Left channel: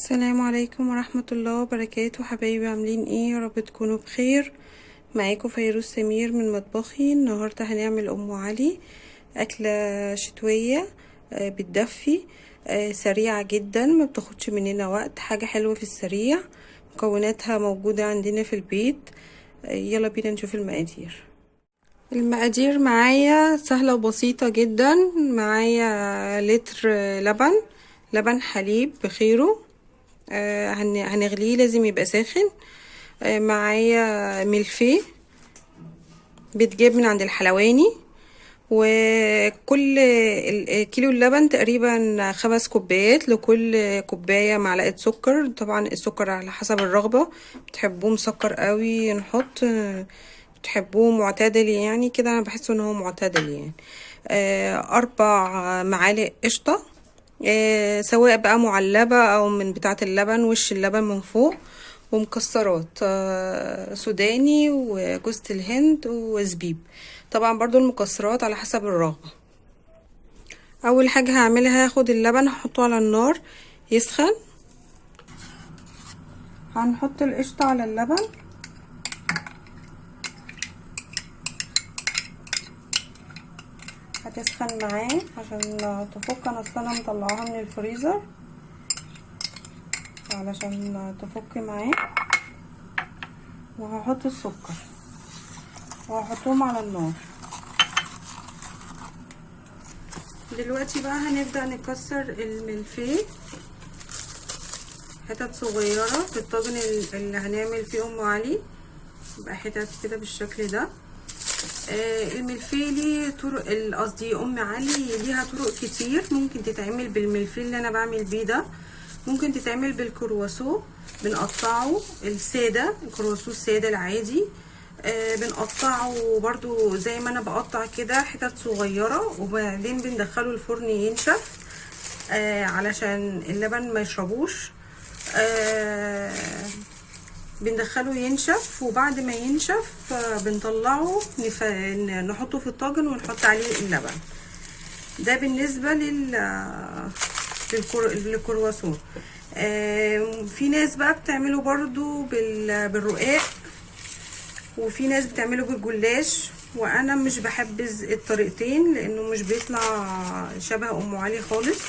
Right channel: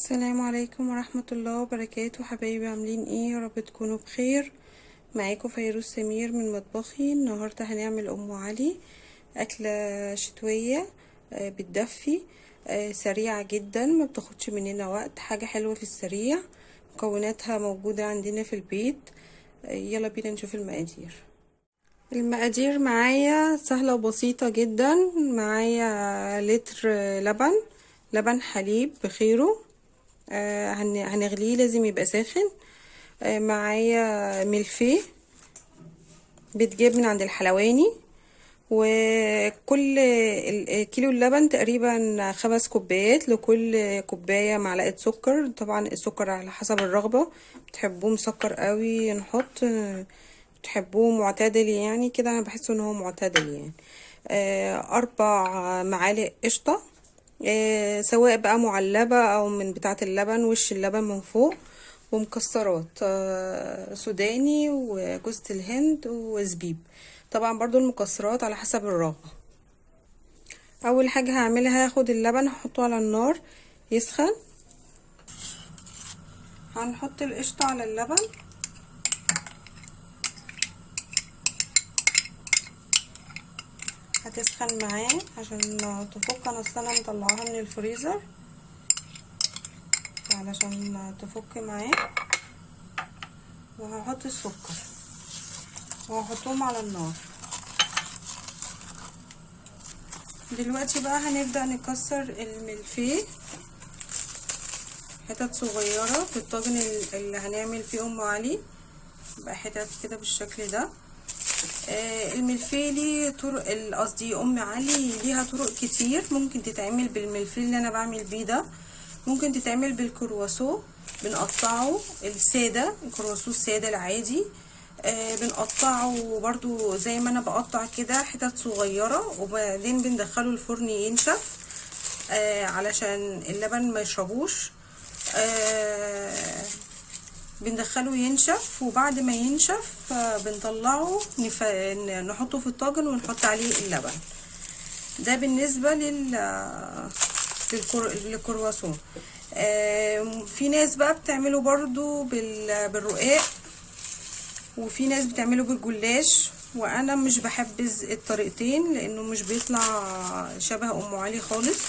السلام عليكم ورحمة الله وبركاته. حبايبي عاملين ايه؟ يا رب تكونوا بخير. معاكم فيروز سمير من مطبخي. النهاردة هنعمل ام علي، اكلة شتوية بتدفي، سريعة جدا، ما بتاخدش مننا وقت، حاجة حلوة في السريع. مكوناتها موجودة عندنا في البيت. يلا بينا نشوف المقادير. المقادير معايا سهلة وبسيطة جدا. معايا لتر لبن حليب بخيره، هنغليه، لازم يبقى ساخن. معايا ملفيه بيتجاب من عند الحلواني، وكل كيلو اللبن تقريبا 5 كوبايات، لكل كوباية معلقة سكر. طبعا السكر على حسب الرغبة، بتحبوه مسكر قوي نحط، بتحبوه معتدل يعني كده، انا بحس ان هو معتدل يعني. 4 معالق قشطة، سواء بقى معلبة او من بتاعة اللبن، وش اللبن من فوق، ومكسرات سوداني وجوز الهند وزبيب. طبعا برضو المكسرات على حسب الرغبة. اول حاجة هعملها، هاخد اللبن هحطه على النار يسخن. هنحط القشطة على اللبن، هتسخن معاه عشان تفك. انا اصلا مطلعاها من الفريزر علشان تفك معاه. وهحط السكر وهحطهم على النار. دلوقتي بقى هنبدأ نكسر الملفيه حتت صغيرة في الطاجن اللي هنعمل فيه ام علي. يبقى حتت كده بالشكل ده. الملفيه ليه طرق، قصدي ام علي ليها طرق كتير. ممكن تتعمل بالملفيه اللي انا بعمل بيه ده، ممكن تتعمل بالكرواسو، بنقطعه الساده، الكرواسو الساده العادي. بنقطعه برضو زي ما انا بقطع كده حتت صغيره، وبعدين بندخله الفرن ينشف علشان اللبن ما يشربوش. بندخله ينشف، وبعد ما ينشف بنطلعه نحطه في الطاجن ونحط عليه اللبن. ده بالنسبة للكرواسون. في ناس بقى بتعمله برضو بالرقاق، وفي ناس بتعمله بالجلاش، وانا مش بحبذ الطريقتين لانه مش بيطلع شبه ام علي خالص.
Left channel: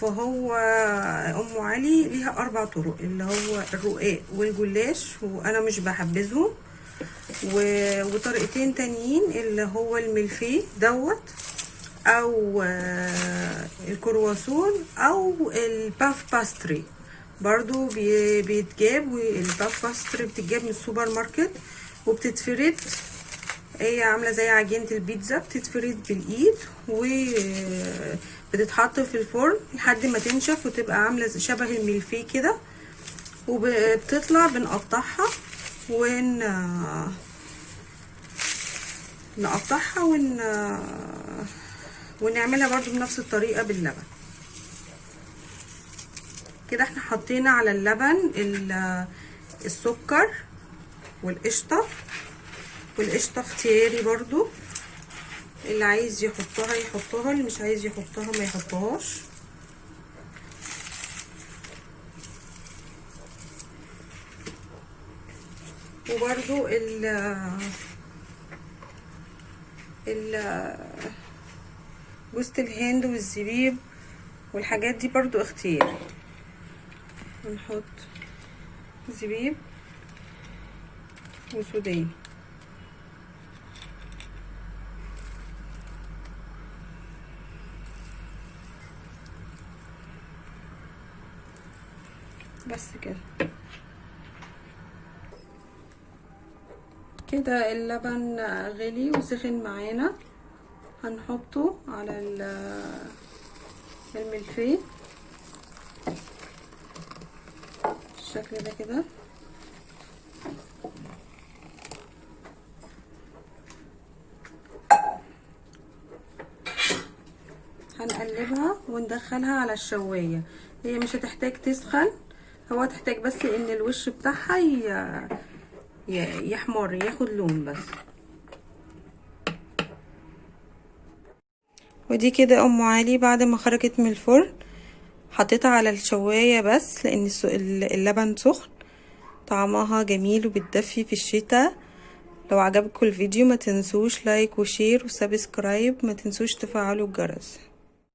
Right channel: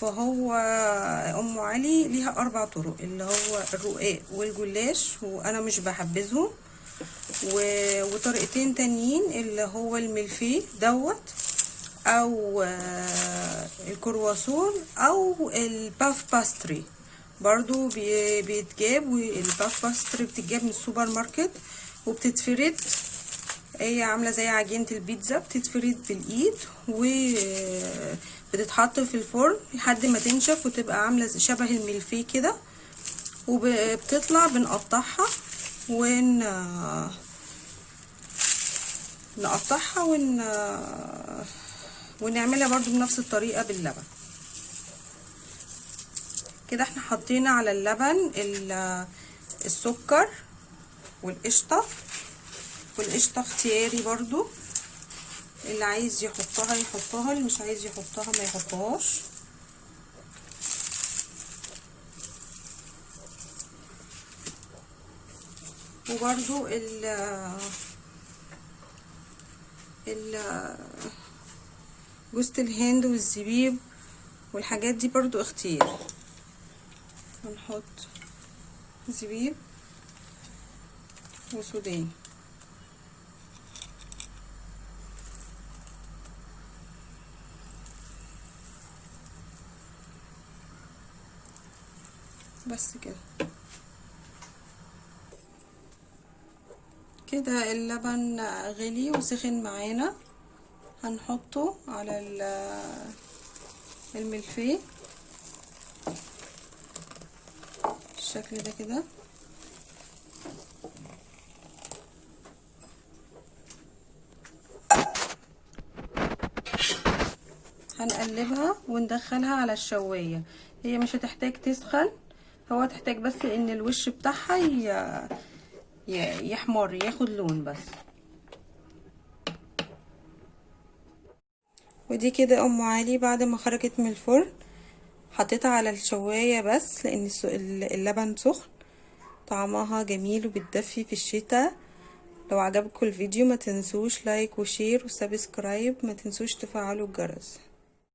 فهو ام علي ليها 4 طرق، اللي هو الرقاق والجلاش، وانا مش بحبذهم. وطريقتين تانيين اللي هو الملفيه دوت، او الكرواسون، او الباف باستري برضو بيتجاب. والباف باستري بتتجاب من السوبر ماركت وبتتفرد، هي عامله زي عجينه البيتزا، بتتفرد بالايد وبتتحط في الفرن لحد ما تنشف وتبقى عامله شبه الملفيه كده. وبتطلع بنقطعها نقطعها ونعملها برضو بنفس الطريقه باللبن. كده احنا حطينا على اللبن السكر والقشطه. والقشطه اختياري برضو، اللي عايز يحطها يحطها، اللي مش عايز يحطها ما يحطهاش. وبرضو جوز الهند والزبيب والحاجات دي برضو اختياري. نحط زبيب وسوداني. بس كده اللبن غلي وسخن معانا. هنحطه على الملفيه بالشكل ده كده. هنقلبها وندخلها على الشوايه. هي مش هتحتاج تسخن، هو هتحتاج بس ان الوش بتاعها يحمر، ياخد لون بس. ودي كده ام علي بعد ما خرجت من الفرن. حطيتها على الشواية بس لان اللبن سخن. طعمها جميل وبتدفي في الشتاء. لو عجبكم الفيديو ما تنسوش لايك وشير وسبسكرايب، ما تنسوش تفعلوا الجرس.